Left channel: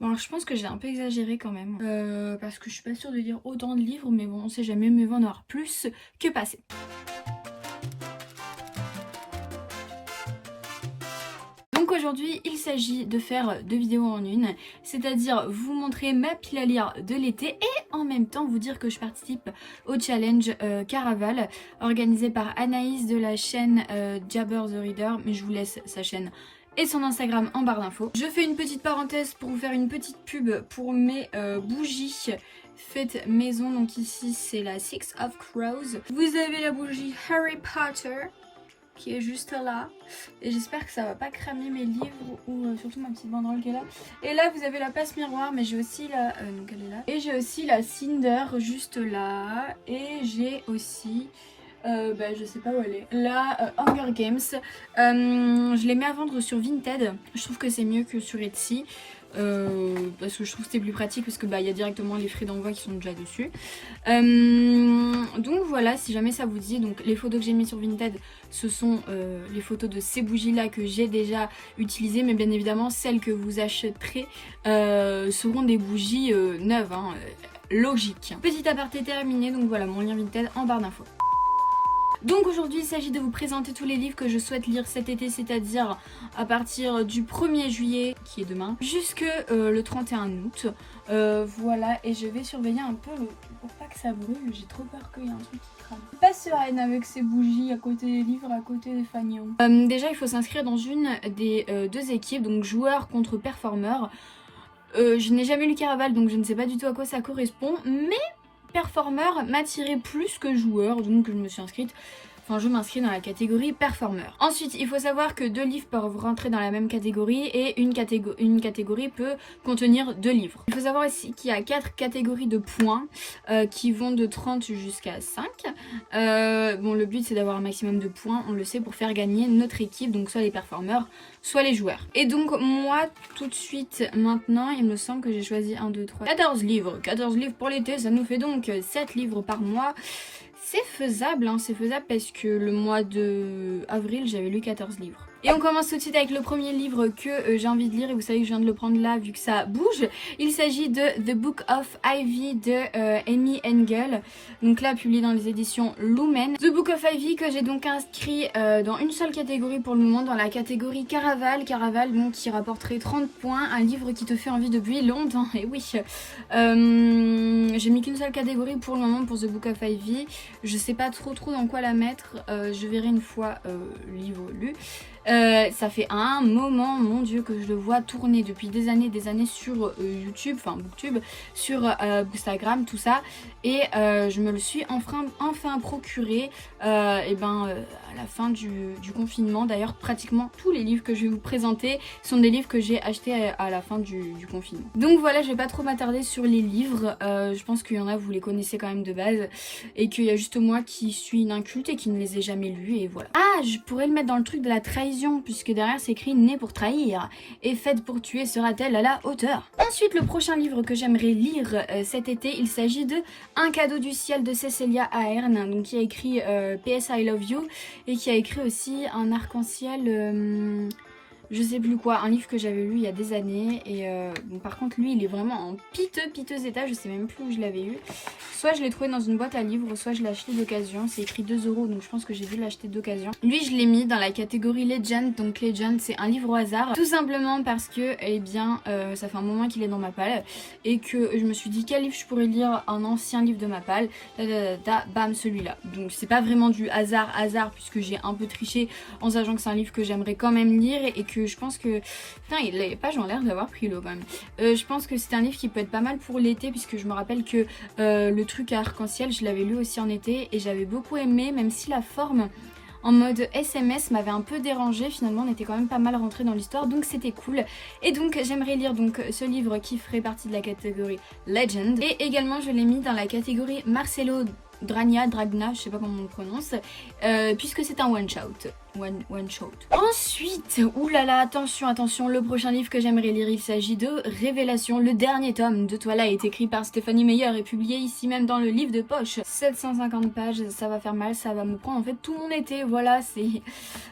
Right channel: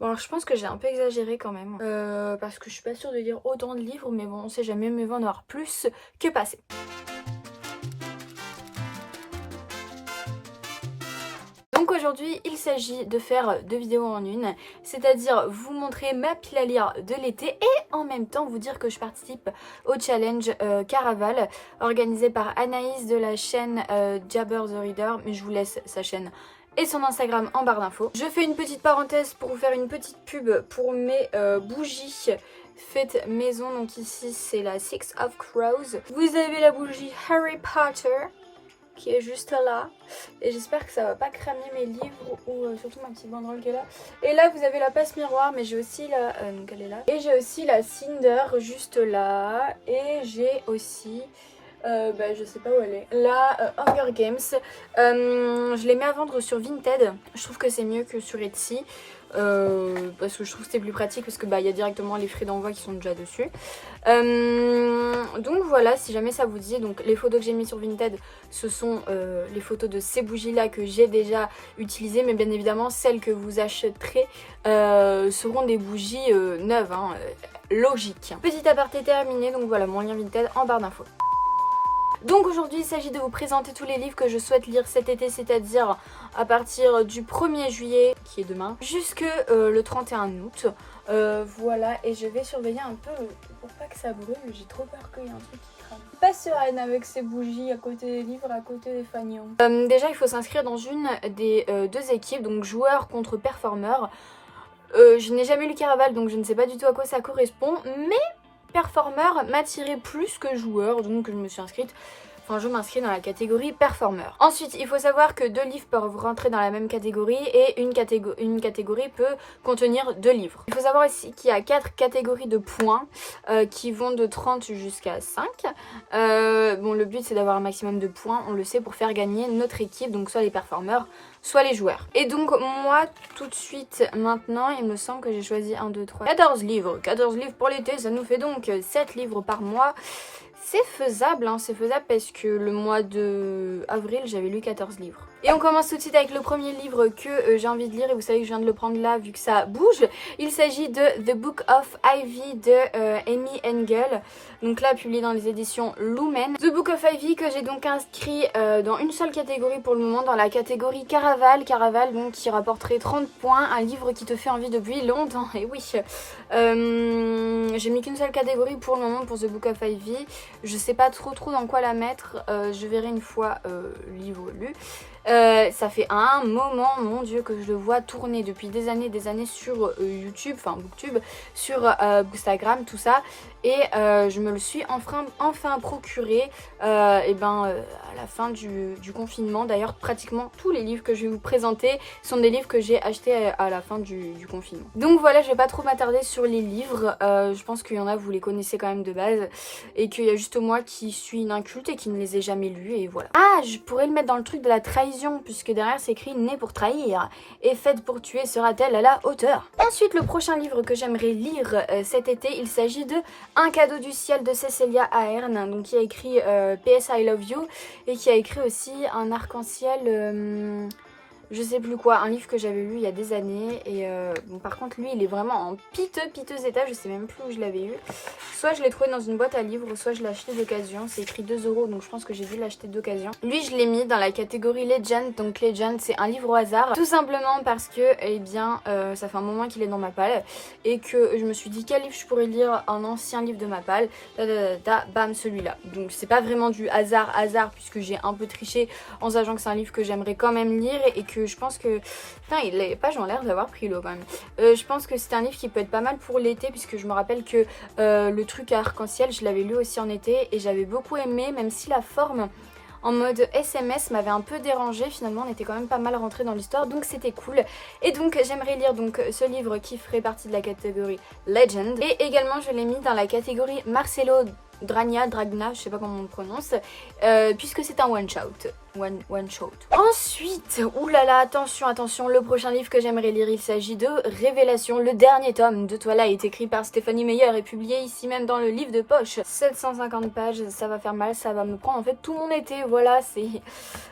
Bon, alors je pense que j'ai un peu exagéré quand même, parce que je suis pas sûre de lire autant de livres, mais bon, on sait jamais, mieux vaut en avoir plus que passer. Donc aujourd'hui, il s'agit de faire 2 vidéos en une, c'est-à-dire vous montrer ma pile à lire de l'été et en même temps vous dire que je participe au challenge Caraval organisé par Anaïs de la chaîne Jabber the Reader, mais je vous laisse sa chaîne et son Instagram en barre d'infos. Je fais une petite parenthèse pour vous faire une petite pub pour mes bougies faites maison. Donc ici c'est la Six of Crows. Vous avez la bougie Harry Potter qui est juste là, et j'espère que ça va pas cramer mes livres ou surtout ma petite banderole qui est là. Et là vous avez la passe miroir, mais j'ai aussi la donc elle est là, et j'ai aussi la Cinder juste là, et j'ai aussi je sais pas où elle est, la Hunger Games. Je les mets à vendre sur Vinted, je trouve que c'est mieux que sur Etsy. Parce que je trouve que c'était plus pratique, parce que y a directement les frais d'envoi qui sont déjà dessus. Donc voilà, si jamais ça vous dit, donc les photos que j'ai mis sur Vinted, ce sont les photos de ces bougies là que j'ai déjà utilisées, mais bien évidemment celles que vous achèterez seront des bougies neuves, hein, logique. Petit aparté terminé, donc voilà mon lien Vinted en barre d'infos. Donc aujourd'hui il s'agit de vous présenter tous les livres que je souhaite lire cet été, c'est-à-dire à partir du 1er juillet, qui est demain, jusque le 31 août. Voilà, et je vais surveiller un peu pour pas que ça brûle, j'ai trop peur qu'il y ait un truc qui crame. Pas sereine avec ces bougies à côté des livres, à côté des fanions. Déjà il faut s'inscrire dans une des deux équipes, donc joueurs contre performeurs. Je n'ai jamais lu Caraval, donc je ne sais pas du tout à quoi ça correspond, mais performeur m'attirait plus que joueur, donc je me suis inscrite. Enfin, je m'inscris dans la catégorie performeur. Ensuite, il faut savoir que 2 livres peuvent rentrer dans la même catégorie et une catégorie peut contenir 2 livres. Il faut savoir aussi qu'il y a 4 catégories de points qui vont de 30 jusqu'à 5. Bon, le but c'est d'avoir un maximum de points, on le sait, pour faire gagner notre équipe, donc soit les performeurs, soit les joueurs. Et donc moi, tout de suite, maintenant, il me semble que j'ai choisi 1, 2, 3, 14 livres. 14 livres pour l'été, ça nous fait donc 7 livres par mois. C'est faisable, hein, c'est faisable parce que le mois de avril, j'avais lu 14 livres. Et on commence tout de suite avec le premier livre que j'ai envie de lire, et vous savez que je viens de le prendre là vu que ça bouge. Il s'agit de The Book of Ivy de Amy Engel, donc là publié dans les éditions Lumen. The Book of Ivy que j'ai donc inscrit dans une seule catégorie pour le moment, dans la catégorie Caraval. Caraval donc qui rapporterait 30 points, un livre qui te fait envie depuis longtemps, et oui. J'ai mis qu'une seule catégorie pour le moment pour The Book of Ivy. Je sais pas trop dans quoi la mettre, je verrai une fois le livre lu. Ça fait un moment, mon dieu, que je le vois tourner depuis des années sur YouTube, enfin Booktube, sur Instagram, tout ça. Et je me le suis enfin procuré à la fin du confinement. D'ailleurs, pratiquement tous les livres que je vais vous présenter sont des livres que j'ai achetés à la fin du confinement. Donc voilà, je vais pas trop m'attarder sur les livres. Je pense qu'il y en a, vous les connaissez quand même de base. Et qu'il y a juste moi qui suis une inculte et qui ne les ai jamais lus, et voilà. Ah, je pourrais le mettre dans le truc de la trahison, puisque derrière c'est écrit « Née pour trahir et faite pour tuer sera-t-elle à la hauteur ?» Ensuite, le prochain livre que j'aimerais lire cet été, il s'agit de Un cadeau du ciel de Cécilia Ahern, donc qui a écrit PS I Love You, et qui a écrit aussi un arc-en-ciel, je sais plus quoi, un livre que j'avais lu il y a des années. Et bon, par contre lui il est vraiment en piteux état, je sais même plus où je l'avais eu. Soit je l'ai trouvé dans une boîte à livres, soit je l'ai acheté d'occasion. C'est écrit 2 €, donc je pense que j'ai dû l'acheter d'occasion. Lui je l'ai mis dans la catégorie Legend, donc Legend c'est un livre au hasard, tout simplement parce que ça fait un moment qu'il est dans ma palle, et que je me suis dit quel livre je pourrais lire, un ancien livre de ma palle, bam, celui-là. Donc c'est pas vraiment du hasard puisque j'ai un peu triché en sachant que c'est un livre que j'aimerais quand même lire, et que je pense que... Putain, les pages ont l'air d'avoir pris l'eau quand même. Je pense que c'est un livre qui peut être pas mal pour l'été, puisque je me rappelle que le truc à arc-en-ciel, je l'avais lu aussi en été et j'avais beaucoup aimé, même si la forme en mode SMS m'avait un peu dérangée. Finalement on était quand même pas mal rentré dans l'histoire, donc c'était cool. Et donc j'aimerais lire donc ce livre qui ferait partie de la catégorie Legend, et également je l'ai mis dans la catégorie Marcelo Dragna, je sais pas comment on le prononce, puisque c'est un one shot. One shot. Ensuite, oulala, attention, le prochain livre que j'aimerais lire, il s'agit de Révélation, le dernier tome de Twilight, écrit par Stephanie Meyer et publié ici même dans le livre de poche. 750 pages, ça va faire mal, ça va me prendre en fait tout mon été, voilà, c'est...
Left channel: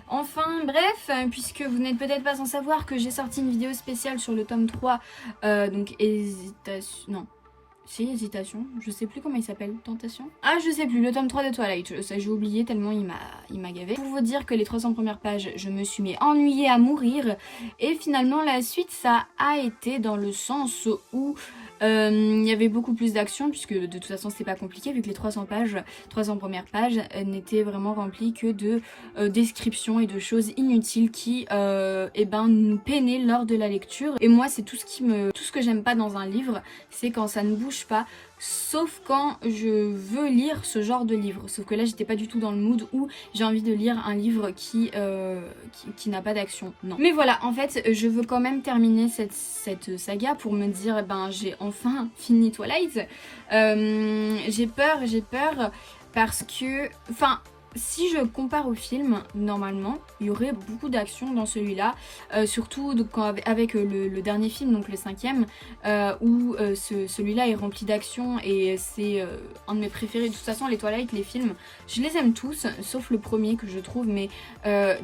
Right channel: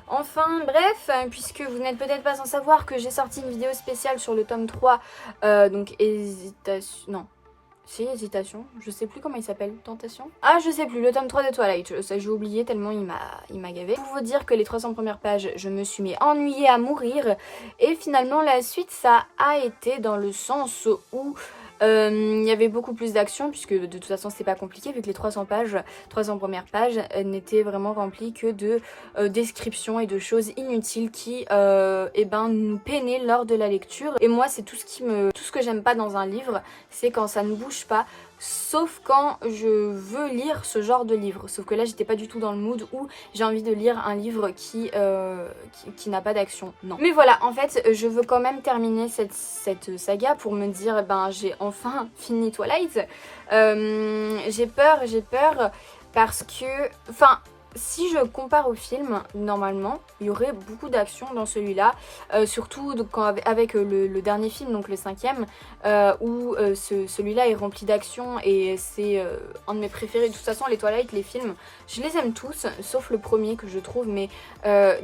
Enfin, bref, puisque vous n'êtes peut-être pas sans savoir que j'ai sorti une vidéo spéciale sur le tome 3, donc hésitation, je sais plus comment il s'appelle, tentation. Ah, je sais plus, le tome 3 de Twilight, ça j'ai oublié tellement il m'a gavé. Pour vous dire que les 300 premières pages, je me suis mis ennuyée à mourir, et finalement la suite ça a été dans le sens où il y avait beaucoup plus d'action, puisque de toute façon c'est pas compliqué vu que les 300 premières pages n'étaient vraiment remplies que de descriptions et de choses inutiles qui nous peinaient lors de la lecture. Et moi c'est tout ce que j'aime pas dans un livre, c'est quand ça ne bouge pas, sauf quand je veux lire ce genre de livre. Sauf que là j'étais pas du tout dans le mood où j'ai envie de lire un livre qui n'a pas d'action. Non. Mais voilà, en fait je veux quand même terminer cette saga pour me dire j'ai enfin fini Twilight. J'ai peur parce que... Enfin... Si je compare au film, normalement, il y aurait beaucoup d'action dans celui-là, surtout donc, avec le dernier film, donc le 5e, où celui-là est rempli d'action et c'est un de mes préférés. De toute façon, les Twilight, les films, je les aime tous, sauf le premier que je trouve mais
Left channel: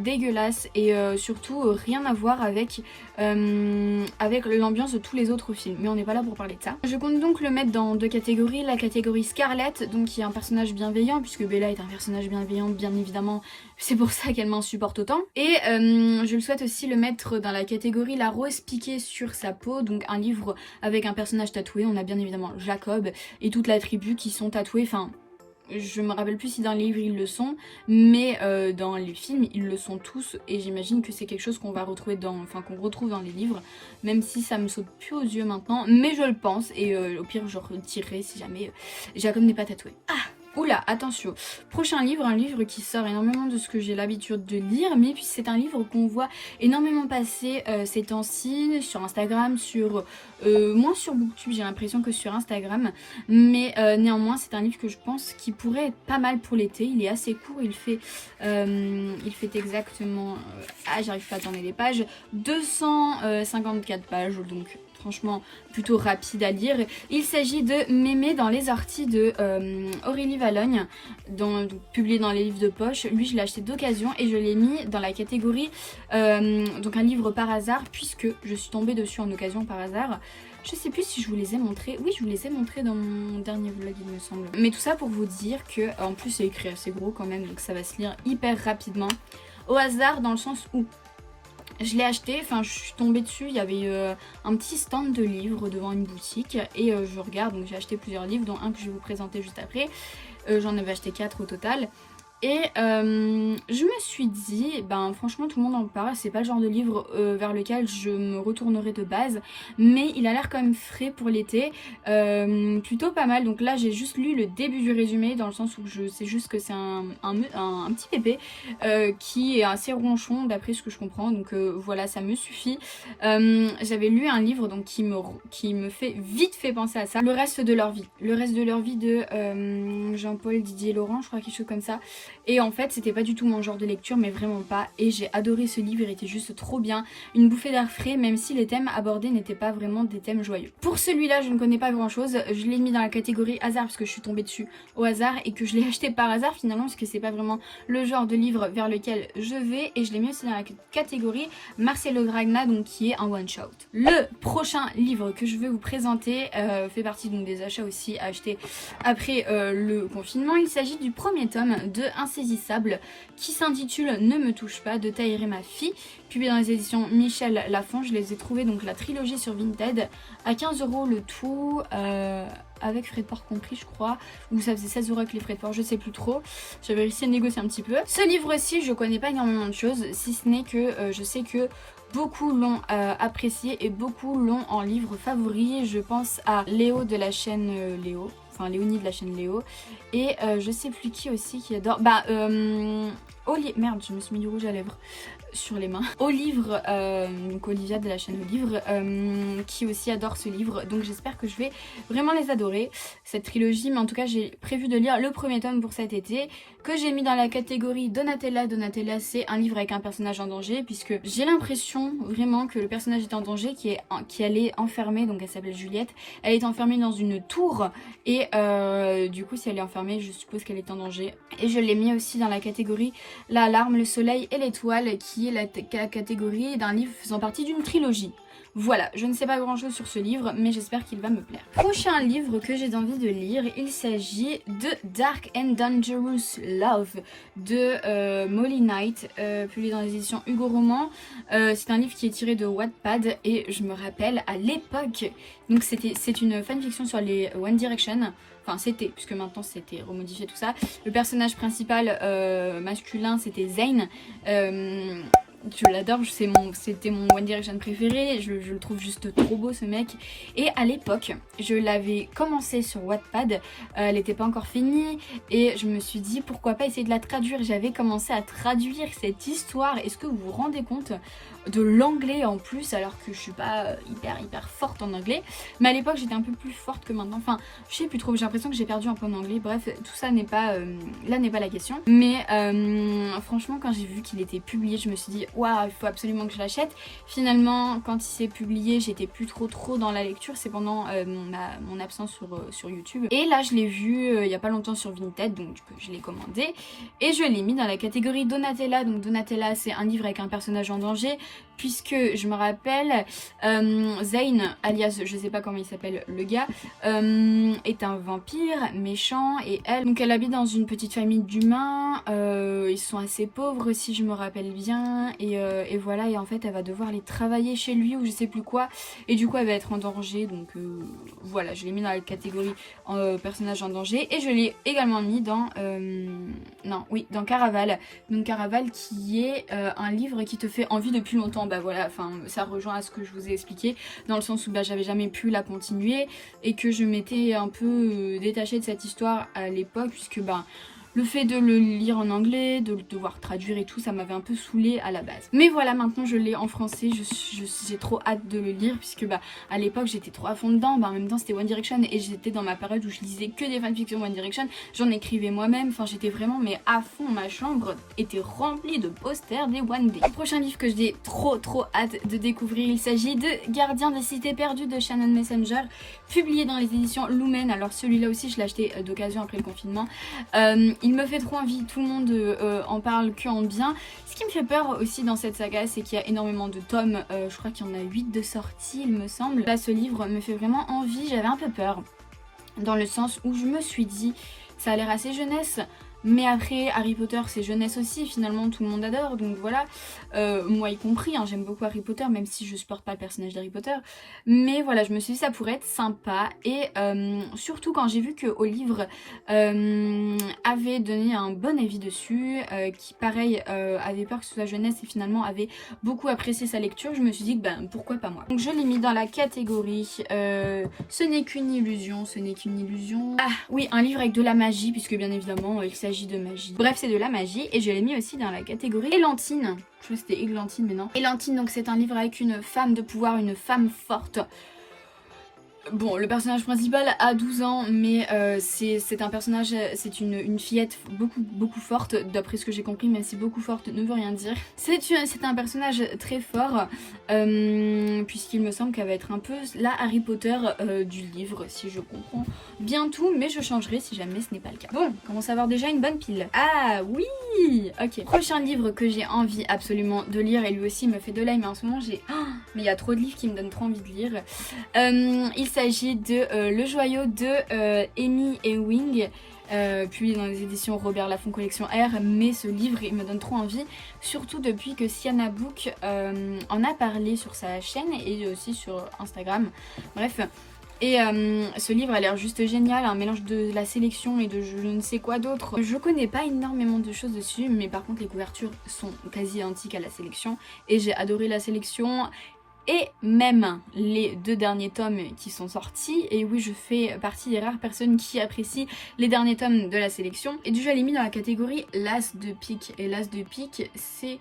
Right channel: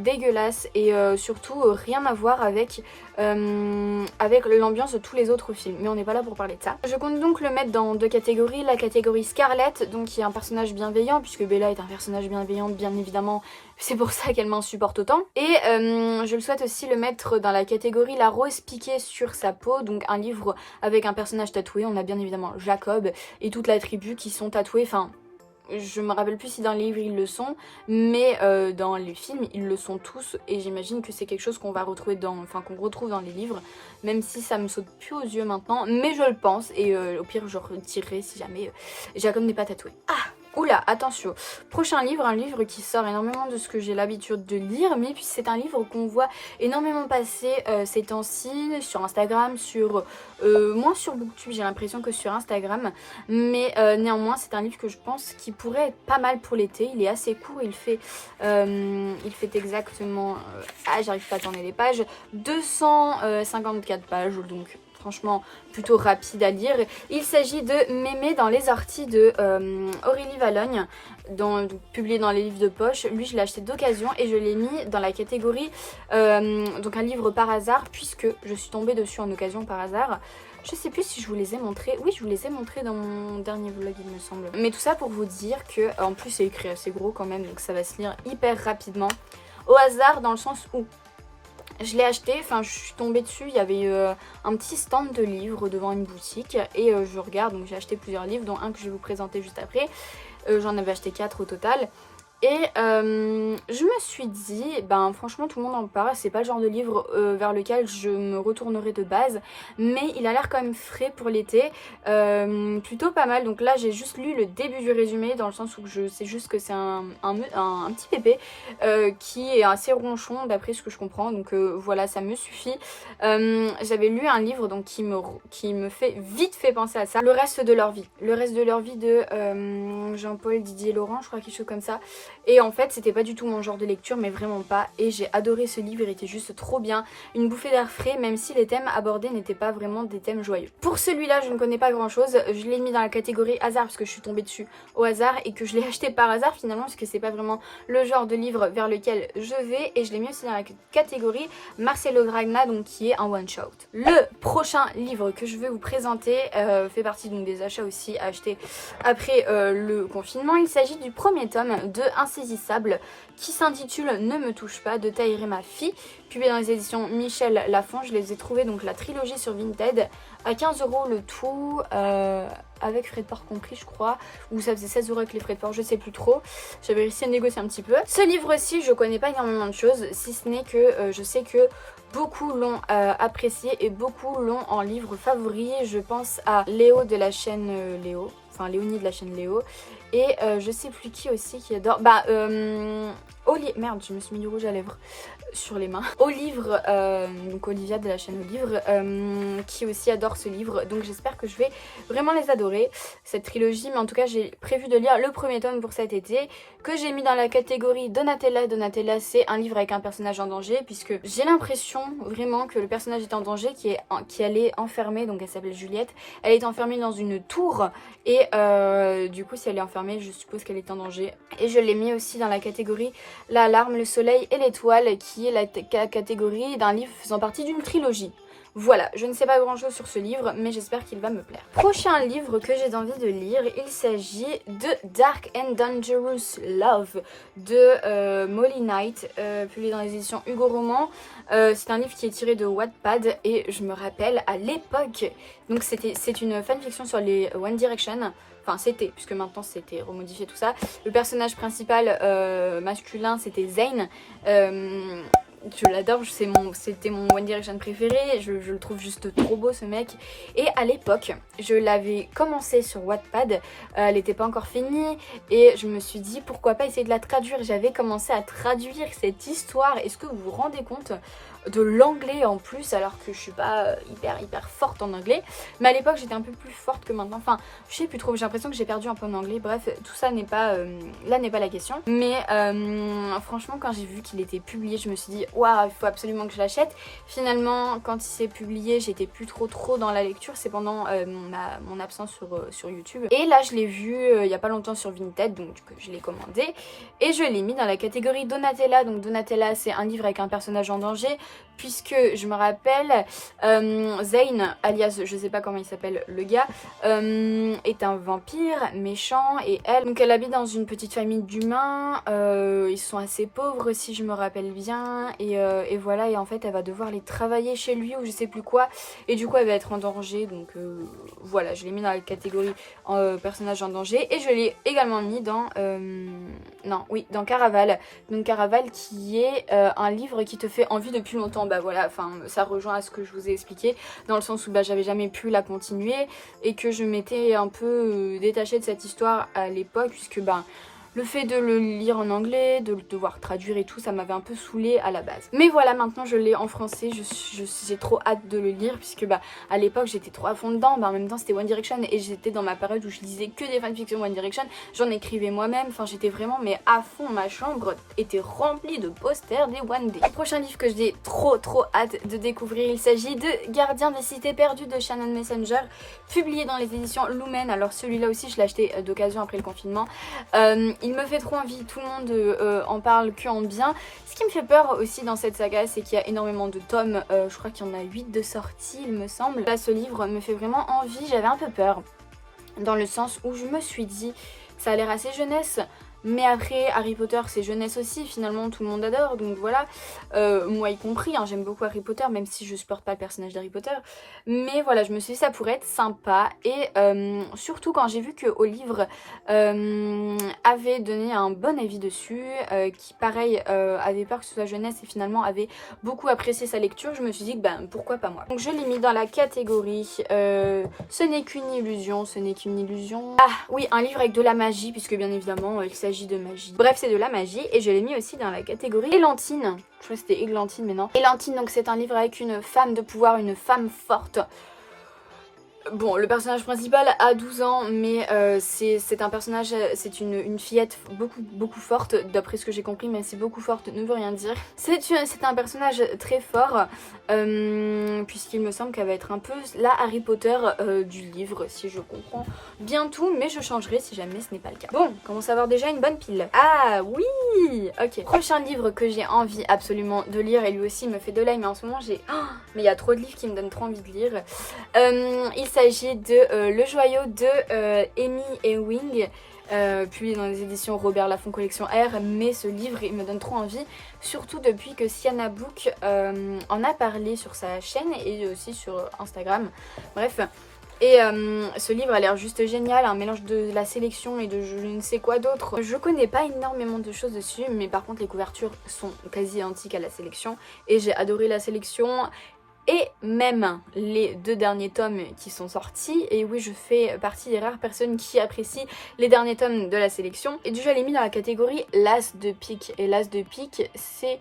dégueulasse et surtout rien à voir avec l'ambiance de tous les autres films. Mais on n'est pas là pour parler de ça. Je compte donc le mettre dans deux catégories. La catégorie Scarlett, donc qui est un personnage bienveillant, puisque Bella est un personnage bienveillant bien évidemment, c'est pour ça qu'elle m'insupporte autant. Et je le souhaite aussi le mettre dans la catégorie La Rose piquée sur sa peau, donc un livre avec un personnage tatoué. On a bien évidemment Jacob et toute la tribu qui sont tatoués, enfin... Je me rappelle plus si dans les livres ils le sont, mais dans les films ils le sont tous et j'imagine que c'est quelque chose qu'on va retrouver qu'on retrouve dans les livres, même si ça me saute plus aux yeux maintenant, mais je le pense et au pire je retirerai si jamais Jacob n'est pas tatoué. Ah! Oula, attention, prochain livre, un livre qui sort énormément de ce que j'ai l'habitude de lire, mais puis c'est un livre qu'on voit énormément passer ces temps-ci sur Instagram, moins sur Booktube, j'ai l'impression que sur Instagram, mais néanmoins c'est un livre que je pense qui pourrait être pas mal pour l'été. Il est assez court, il fait exactement, j'arrive pas à tourner les pages, 254 pages, donc... Franchement, plutôt rapide à lire. Il s'agit de Mémé dans les orties de Aurélie Valogne, publié dans les livres de poche. Lui, je l'ai acheté d'occasion et je l'ai mis dans la catégorie donc un livre par hasard, puisque je suis tombée dessus en occasion par hasard. Je sais plus si je vous les ai montrés. Oui, je vous les ai montrés dans mon dernier vlog, il me semble. Mais tout ça pour vous dire que, en plus, c'est écrit assez gros quand même, donc ça va se lire hyper rapidement. Au hasard, dans le sens où je l'ai acheté, enfin je suis tombée dessus, il y avait un petit stand de livres devant une boutique et je regarde, donc j'ai acheté plusieurs livres dont un que je vais vous présenter juste après. J'en avais acheté 4 au total. Et je me suis dit, franchement tout le monde en parle, c'est pas le genre de livre vers lequel je me retournerai de base, mais il a l'air quand même frais pour l'été, plutôt pas mal. Donc là j'ai juste lu le début du résumé, dans le sens où je sais juste que c'est un petit bébé qui est assez ronchon d'après ce que je comprends, donc voilà, ça me suffit. J'avais lu un livre donc qui me fait vite fait penser à ça, Le reste de leur vie de Jean-Paul Didier Laurent, je crois, quelque chose comme ça. Et en fait c'était pas du tout mon genre de lecture, mais vraiment pas, et j'ai adoré ce livre, il était juste trop bien, une bouffée d'air frais, même si les thèmes abordés n'étaient pas vraiment des thèmes joyeux. Pour celui-là je ne connais pas grand chose, je l'ai mis dans la catégorie hasard parce que je suis tombée dessus au hasard et que je l'ai acheté par hasard finalement, parce que c'est pas vraiment le genre de livre vers lequel je vais, et je l'ai mis aussi dans la catégorie Marcelo Gragna, donc qui est un one shot. Le prochain livre que je vais vous présenter fait partie donc des achats aussi achetés après le confinement. Il s'agit du premier tome de Insaisissable qui s'intitule Ne me touche pas de Tahiré ma fille, publié dans les éditions Michel Lafon. Je les ai trouvés, donc la trilogie sur Vinted, à 15 € le tout, avec frais de port compris je crois, ou ça faisait 16 € avec les frais de port, je sais plus trop. J'avais réussi à négocier un petit peu. Ce livre-ci je connais pas énormément de choses, si ce n'est que je sais que beaucoup l'ont apprécié et beaucoup l'ont en livre favori. Je pense à Léo de la chaîne Léo, enfin Léonie de la chaîne Léo, et je sais plus qui aussi qui adore, merde, je me suis mis du rouge à lèvres. sur les mains au livre, donc Olivia de la chaîne au livre, qui aussi adore ce livre, donc j'espère que je vais vraiment les adorer, cette trilogie. Mais en tout cas j'ai prévu de lire le premier tome pour cet été, que j'ai mis dans la catégorie Donatella. Donatella, c'est un livre avec un personnage en danger, puisque j'ai l'impression vraiment que le personnage est en danger, qu'elle est enfermée, donc elle s'appelle Juliette, elle est enfermée dans une tour, et du coup si elle est enfermée, je suppose qu'elle est en danger. Et je l'ai mis aussi dans la catégorie L'alarme, le soleil et l'étoile, qui est la catégorie d'un livre faisant partie d'une trilogie. Voilà, je ne sais pas grand chose sur ce livre, mais j'espère qu'il va me plaire. Prochain livre que j'ai envie de lire, il s'agit de Dark and Dangerous Love de Molly Knight, publié dans les éditions Hugo Roman. C'est un livre qui est tiré de Wattpad, et je me rappelle à l'époque, donc c'est une fanfiction sur les One Direction. Enfin c'était, puisque maintenant c'était remodifié tout ça. Le personnage principal masculin c'était Zayn. Je l'adore, c'était mon One Direction préféré, je le trouve juste trop beau ce mec. Et à l'époque, je l'avais commencé sur Wattpad, elle n'était pas encore finie, et je me suis dit pourquoi pas essayer de la traduire. J'avais commencé à traduire cette histoire, est-ce que vous vous rendez compte de l'anglais en plus, alors que je suis pas hyper forte en anglais, mais à l'époque j'étais un peu plus forte que maintenant, enfin je sais plus trop, j'ai l'impression que j'ai perdu un peu en anglais. Bref, tout ça n'est pas là n'est pas la question, mais franchement quand j'ai vu qu'il était publié, je me suis dit waouh, il faut absolument que je l'achète. Finalement quand il s'est publié, j'étais plus trop dans la lecture, c'est pendant mon absence sur YouTube, et là je l'ai vu il y a pas longtemps sur Vinted, donc je l'ai commandé et je l'ai mis dans la catégorie Donatella. Donc Donatella, c'est un livre avec un personnage en danger, puisque je me rappelle Zayn, alias je sais pas comment il s'appelle le gars, est un vampire méchant, et elle habite dans une petite famille d'humains, ils sont assez pauvres si je me rappelle bien, et voilà, et en fait elle va devoir les travailler chez lui ou je sais plus quoi, et du coup elle va être en danger, donc voilà, je l'ai mis dans la catégorie personnage en danger, et je l'ai également mis dans dans Caraval. Donc Caraval qui est un livre qui te fait envie depuis longtemps. Bah voilà, enfin ça rejoint à ce que je vous ai expliqué, dans le sens où j'avais jamais pu la continuer, et que je m'étais un peu détachée de cette histoire à l'époque, puisque le fait de le lire en anglais, de le devoir traduire et tout, ça m'avait un peu saoulée à la base. Mais voilà, maintenant je l'ai en français, j'ai trop hâte de le lire, puisque à l'époque j'étais trop à fond dedans, en même temps c'était One Direction, et j'étais dans ma période où je lisais que des fanfictions One Direction, j'en écrivais moi-même, enfin j'étais vraiment à fond, ma chambre était remplie de posters des One Day. Le prochain livre que j'ai trop hâte de découvrir, il s'agit de Gardien des cités perdues de Shannon Messenger, publié dans les éditions Lumen. Alors celui-là aussi je l'ai acheté d'occasion après le confinement. Il me fait trop envie, tout le monde en parle que en bien. Ce qui me fait peur aussi dans cette saga, c'est qu'il y a énormément de tomes, je crois qu'il y en a 8 de sortie il me semble. Là ce livre me fait vraiment envie, j'avais un peu peur, dans le sens où je me suis dit ça a l'air assez jeunesse, mais après Harry Potter c'est jeunesse aussi, finalement tout le monde adore, donc voilà, moi y compris, hein, j'aime beaucoup Harry Potter, même si je supporte pas le personnage d'Harry Potter, mais voilà, je me suis dit ça pourrait être sympa, et surtout quand j'ai vu que au livre avait donné un bon avis dessus, qui pareil avait peur que ce soit jeunesse, et finalement avait beaucoup apprécié sa lecture, je me suis dit que pourquoi pas moi. Donc je l'ai mis dans la catégorie ce n'est qu'une illusion, ce n'est qu'une illusion. Ah oui, un livre avec de la magie, puisque bien évidemment il s'agit de magie. Bref, c'est de la magie, et je l'ai mis aussi dans la catégorie Élantine. Je crois que c'était Églantine, mais non. Élantine, donc c'est un livre avec une femme de pouvoir, une femme forte. Bon, le personnage principal a 12 ans, mais c'est un personnage, c'est une fillette beaucoup forte, d'après ce que j'ai compris, même si beaucoup forte ne veut rien dire. C'est un personnage très fort, puisqu'il me semble qu'elle va être un peu la Harry Potter du livre, si je comprends bien tout, mais je changerai si jamais ce n'est pas le cas. Bon, on commence à avoir déjà une bonne pile. Ah oui, ok. Prochain livre que j'ai envie absolument de lire, et lui aussi me fait de l'œil, mais en ce moment j'ai... Oh, mais il y a trop de livres qui me donnent trop envie de lire. Il s'agit de Le Joyau de Amy Ewing, publié dans les éditions Robert Laffont Collection R, mais ce livre il me donne trop envie, surtout depuis que Sienna Book en a parlé sur sa chaîne et aussi sur Instagram, bref. Et ce livre a l'air juste génial, un mélange de la sélection et de je ne sais quoi d'autre. Je connais pas énormément de choses dessus, mais par contre les couvertures sont quasi identiques à la sélection, et j'ai adoré la sélection. Et même les 2 derniers tomes qui sont sortis. Et oui, je fais partie des rares personnes qui apprécient les derniers tomes de la sélection. Et déjà, je l'ai mis dans la catégorie l'As de pique. Et l'As de pique, c'est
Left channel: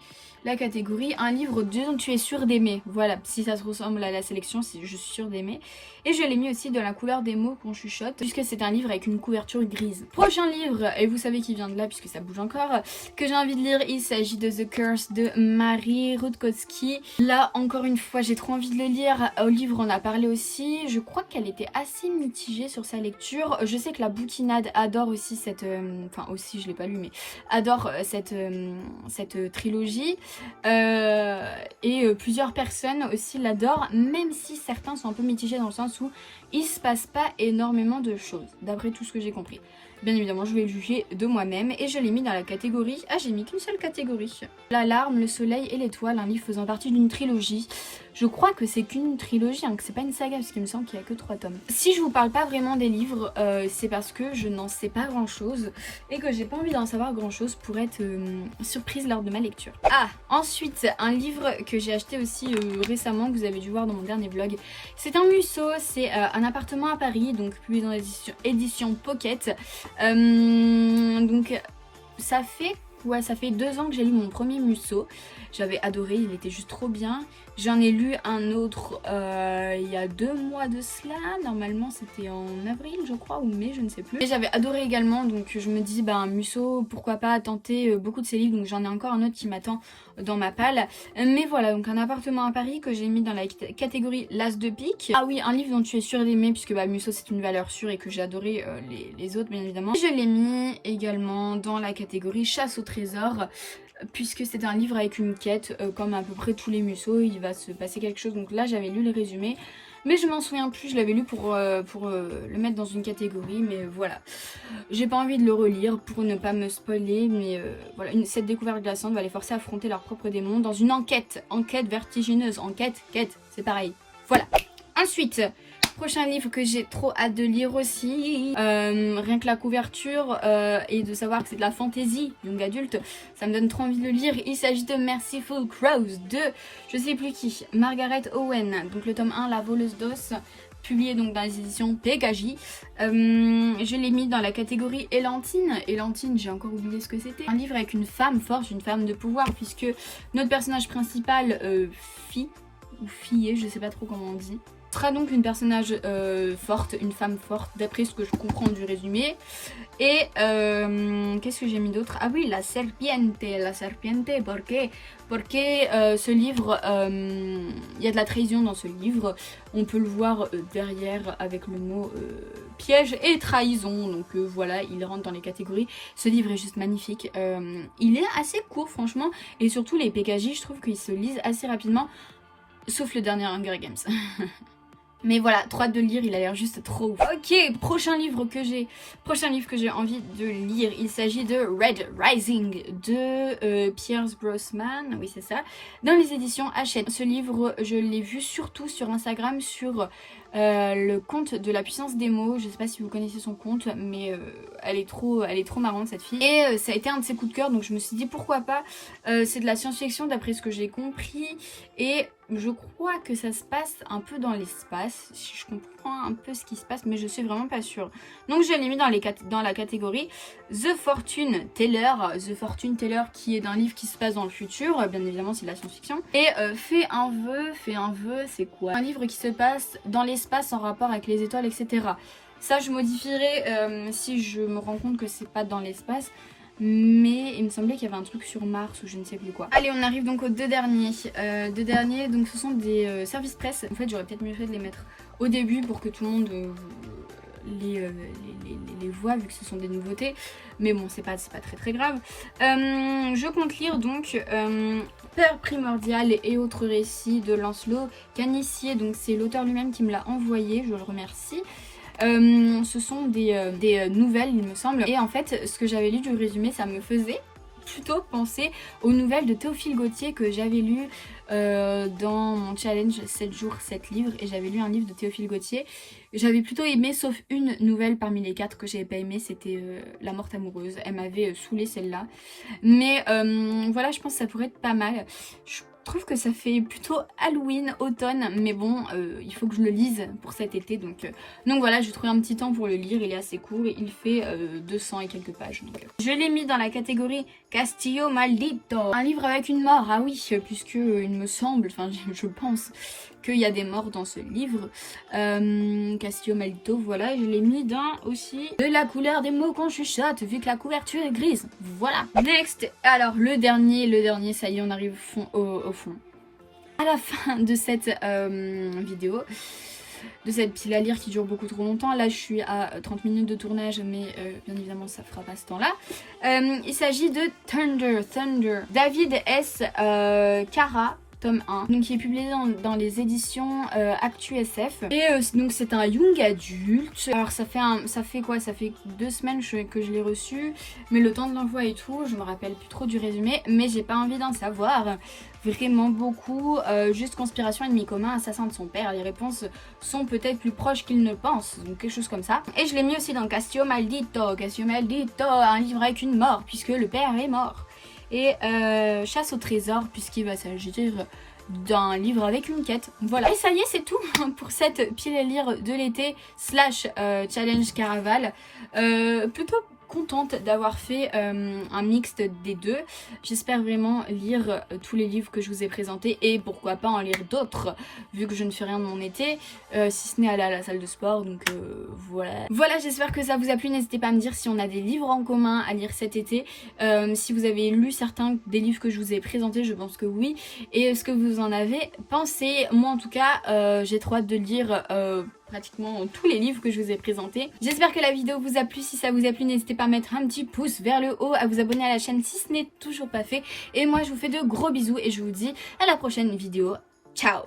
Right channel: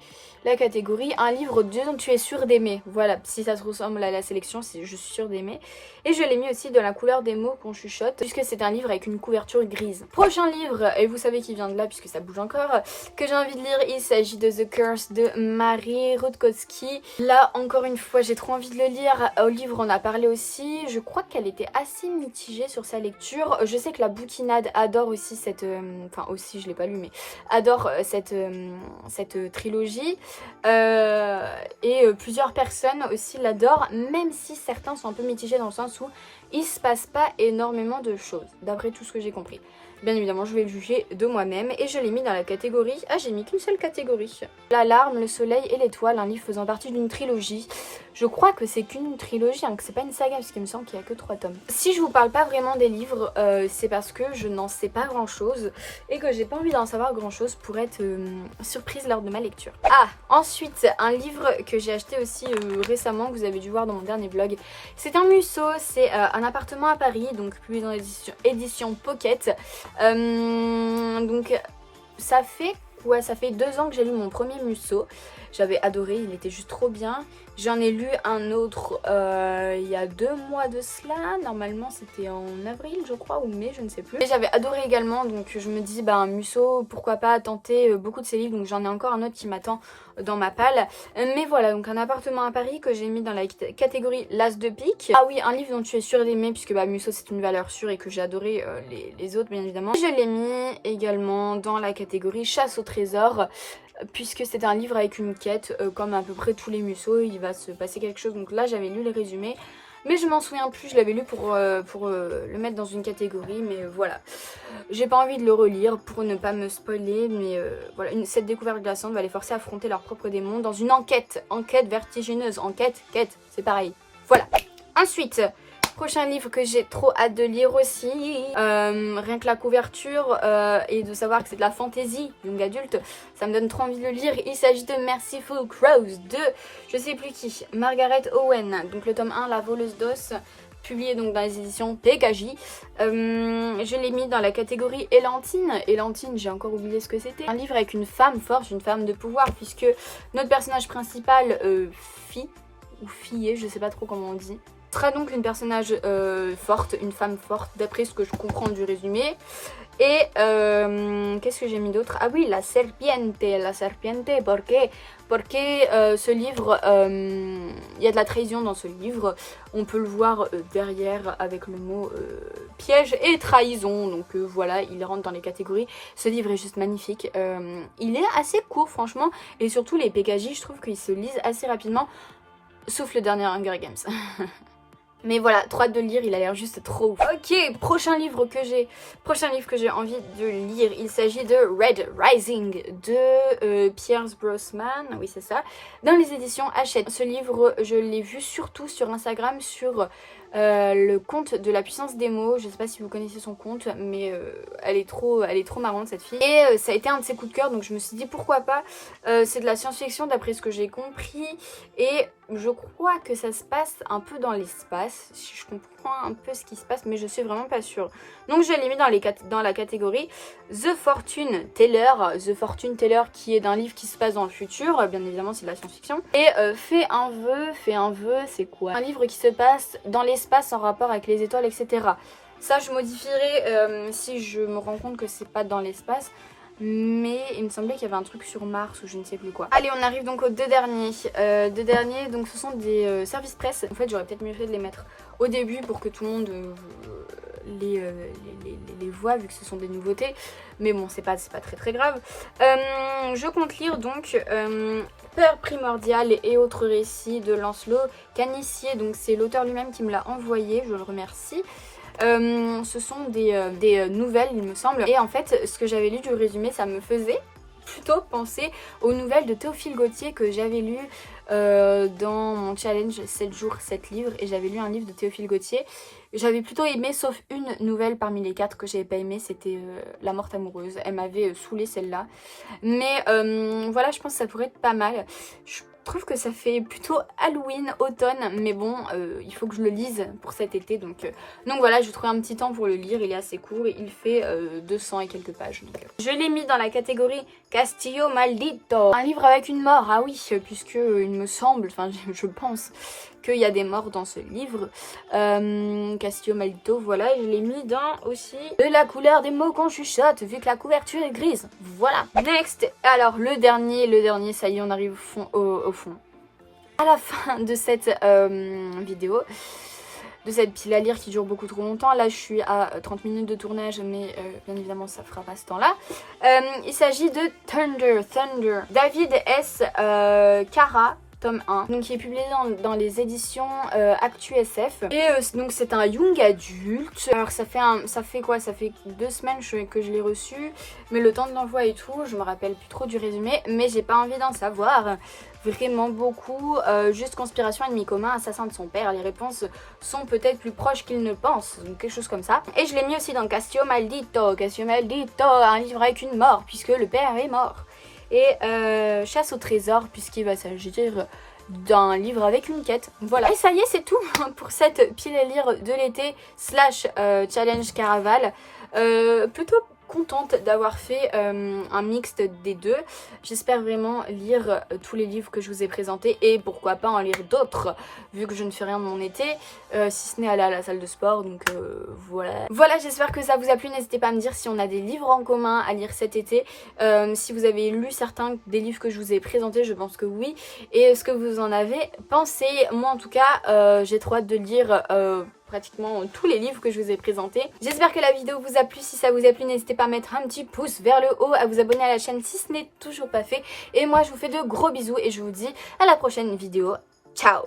la catégorie un livre dont tu es sûr d'aimer. Voilà, si ça se ressemble à la sélection, je suis sûre d'aimer. Et je l'ai mis aussi dans la couleur des mots qu'on chuchote, puisque c'est un livre avec une couverture grise. Prochain livre, et vous savez qu'il vient de là puisque ça bouge encore, que j'ai envie de lire, il s'agit de The Curse de Marie Rudkowski. Là, encore une fois, j'ai trop envie de le lire. Au livre, on a parlé aussi. Je crois qu'elle était assez mitigée sur sa lecture. Je sais que la bouquinade adore aussi cette... Enfin, aussi, je l'ai pas lu, mais adore cette trilogie. Et plusieurs personnes aussi l'adorent, même si certains sont un peu mitigés dans le sens où il se passe pas énormément de choses, d'après tout ce que j'ai compris. Bien évidemment, je vais le juger de moi-même et je l'ai mis dans la catégorie... Ah, j'ai mis qu'une seule catégorie. L'alarme, le soleil et l'étoile, un livre faisant partie d'une trilogie. Je crois que c'est qu'une trilogie, hein, que c'est pas une saga, parce qu'il me semble qu'il n'y a que 3 tomes. Si je vous parle pas vraiment des livres, c'est parce que je n'en sais pas grand-chose et que j'ai pas envie d'en savoir grand-chose pour être surprise lors de ma lecture. Ah, ensuite, un livre que j'ai acheté aussi récemment, que vous avez dû voir dans mon dernier vlog. C'est un Musso, c'est un appartement à Paris, donc publié dans l'édition Pocket. Donc ça fait 2 ans que j'ai lu mon premier Musso. J'avais adoré, il était juste trop bien. J'en ai lu un autre il y a 2 mois de cela. Normalement c'était en avril je crois, ou mai, je ne sais plus. Et j'avais adoré également, donc je me dis bah un Musso, pourquoi pas tenter beaucoup de ses livres. Donc j'en ai encore un autre qui m'attend dans ma palle. Mais voilà, donc un appartement à Paris que j'ai mis dans la catégorie l'as de pique. Ah oui, un livre dont tu es sûr d'aimer, puisque bah Musso c'est une valeur sûre et que j'ai adoré les autres bien évidemment. Je l'ai mis également dans la catégorie chasse au trésor, puisque c'est un livre avec une quête, comme à peu près tous les Musso, il va se passer quelque chose. Donc là j'avais lu le résumé, mais je m'en souviens plus, je l'avais lu pour le mettre dans une catégorie, mais voilà. J'ai pas envie de le relire pour ne pas me spoiler, mais voilà, cette découverte glaçante va les forcer à affronter leurs propres démons dans une enquête vertigineuse, quête, c'est pareil. Voilà. Ensuite... prochain livre que j'ai trop hâte de lire aussi, rien que la couverture et de savoir que c'est de la fantasy, donc adulte, ça me donne trop envie de le lire. Il s'agit de Merciful Crows de, je sais plus qui, Margaret Owen, donc le tome 1, La voleuse d'os, publié donc dans les éditions PKJ. Je l'ai mis dans la catégorie Élantine. Élantine, j'ai encore oublié ce que c'était. Un livre avec une femme forte, une femme de pouvoir, puisque notre personnage principal, fillé, je sais pas trop comment on dit, sera donc une personnage forte, une femme forte, d'après ce que je comprends du résumé. Et qu'est-ce que j'ai mis d'autre? Ah oui, la serpiente, porque ce livre, il y a de la trahison dans ce livre. On peut le voir derrière avec le mot piège et trahison. Donc voilà, il rentre dans les catégories. Ce livre est juste magnifique. Il est assez court franchement, et surtout les PKJ, je trouve qu'ils se lisent assez rapidement, sauf le dernier Hunger Games. Mais voilà, trop hâte de le lire, il a l'air juste trop ouf. Ok, prochain livre que j'ai envie de lire, il s'agit de Red Rising de Pierce Brosnan, oui c'est ça, dans les éditions Hachette. Ce livre, je l'ai vu surtout sur Instagram, sur le compte de la puissance des mots. Je sais pas si vous connaissez son compte, mais elle est trop marrante cette fille. Et ça a été un de ses coups de cœur, donc je me suis dit pourquoi pas. C'est de la science-fiction d'après ce que j'ai compris, et je crois que ça se passe un peu dans l'espace. Je comprends un peu ce qui se passe, mais je suis vraiment pas sûre. Donc je l'ai mis dans la catégorie The Fortune Teller. The Fortune Teller, qui est d'un livre qui se passe dans le futur, bien évidemment c'est de la science-fiction. Et Fais un vœu, c'est quoi? Un livre qui se passe dans l'espace en rapport avec les étoiles, etc. Ça je modifierai si je me rends compte que c'est pas dans l'espace. Mais il me semblait qu'il y avait un truc sur Mars ou je ne sais plus quoi. Allez, on arrive donc aux deux derniers. Donc ce sont des services presse. En fait, j'aurais peut-être mieux fait de les mettre au début pour que tout le monde les voit, vu que ce sont des nouveautés. Mais bon, c'est pas très grave. Je compte lire donc Peur primordiale et autres récits de Lancelot Canissier. Donc c'est l'auteur lui-même qui me l'a envoyé, je le remercie. Ce sont des nouvelles, il me semble. Et en fait, ce que j'avais lu du résumé, ça me faisait plutôt penser aux nouvelles de Théophile Gautier que j'avais lu dans mon challenge 7 jours 7 livres. Et j'avais lu un livre de Théophile Gautier. J'avais plutôt aimé, sauf une nouvelle parmi les 4 que j'avais pas aimé, c'était La Morte Amoureuse. Elle m'avait saoulée celle-là. Mais voilà, je pense que ça pourrait être pas mal. Je trouve que ça fait plutôt Halloween, automne, mais bon, il faut que je le lise pour cet été, donc voilà, j'ai trouvé un petit temps pour le lire, il est assez court et il fait 200 et quelques pages. Donc, je l'ai mis dans la catégorie Castillo Maldito, un livre avec une mort, ah oui, puisque il me semble, enfin je pense qu'il y a des morts dans ce livre. Castillo Maldito, voilà, et je l'ai mis dans aussi de la couleur des mots qu'on chuchote, vu que la couverture est grise. Voilà. Next, alors le dernier, ça y est, on arrive au fond. À la fin de cette vidéo, de cette pile à lire qui dure beaucoup trop longtemps. Là, je suis à 30 minutes de tournage, mais bien évidemment, ça fera pas ce temps-là. Il s'agit de Thunder. David S. Cara. Tome 1, donc qui est publié dans les éditions Actu SF. Et donc c'est un young adulte. Alors ça fait quoi? Ça fait 2 semaines que je l'ai reçu, mais le temps de l'envoi et tout, je me rappelle plus trop du résumé, mais j'ai pas envie d'en savoir vraiment beaucoup. Juste conspiration, ennemi commun, assassin de son père. Les réponses sont peut-être plus proches qu'il ne pense, donc quelque chose comme ça. Et je l'ai mis aussi dans Castillo Maldito, un livre avec une mort, puisque le père est mort. Et chasse au trésor, puisqu'il va s'agir d'un livre avec une quête. Voilà. Et ça y est, c'est tout pour cette pile à lire de l'été / challenge Caraval. Plutôt contente d'avoir fait un mixte des deux. J'espère vraiment lire tous les livres que je vous ai présentés et pourquoi pas en lire d'autres vu que je ne fais rien de mon été, si ce n'est aller à la salle de sport, donc voilà. Voilà, j'espère que ça vous a plu. N'hésitez pas à me dire si on a des livres en commun à lire cet été, si vous avez lu certains des livres que je vous ai présentés, je pense que oui, et ce que vous en avez pensé. Moi en tout cas, j'ai trop hâte de lire pratiquement tous les livres que je vous ai présentés. J'espère que la vidéo vous a plu. Si ça vous a plu, n'hésitez pas à mettre un petit pouce vers le haut, à vous abonner à la chaîne si ce n'est toujours pas fait. Et moi, je vous fais de gros bisous et je vous dis à la prochaine vidéo. Ciao!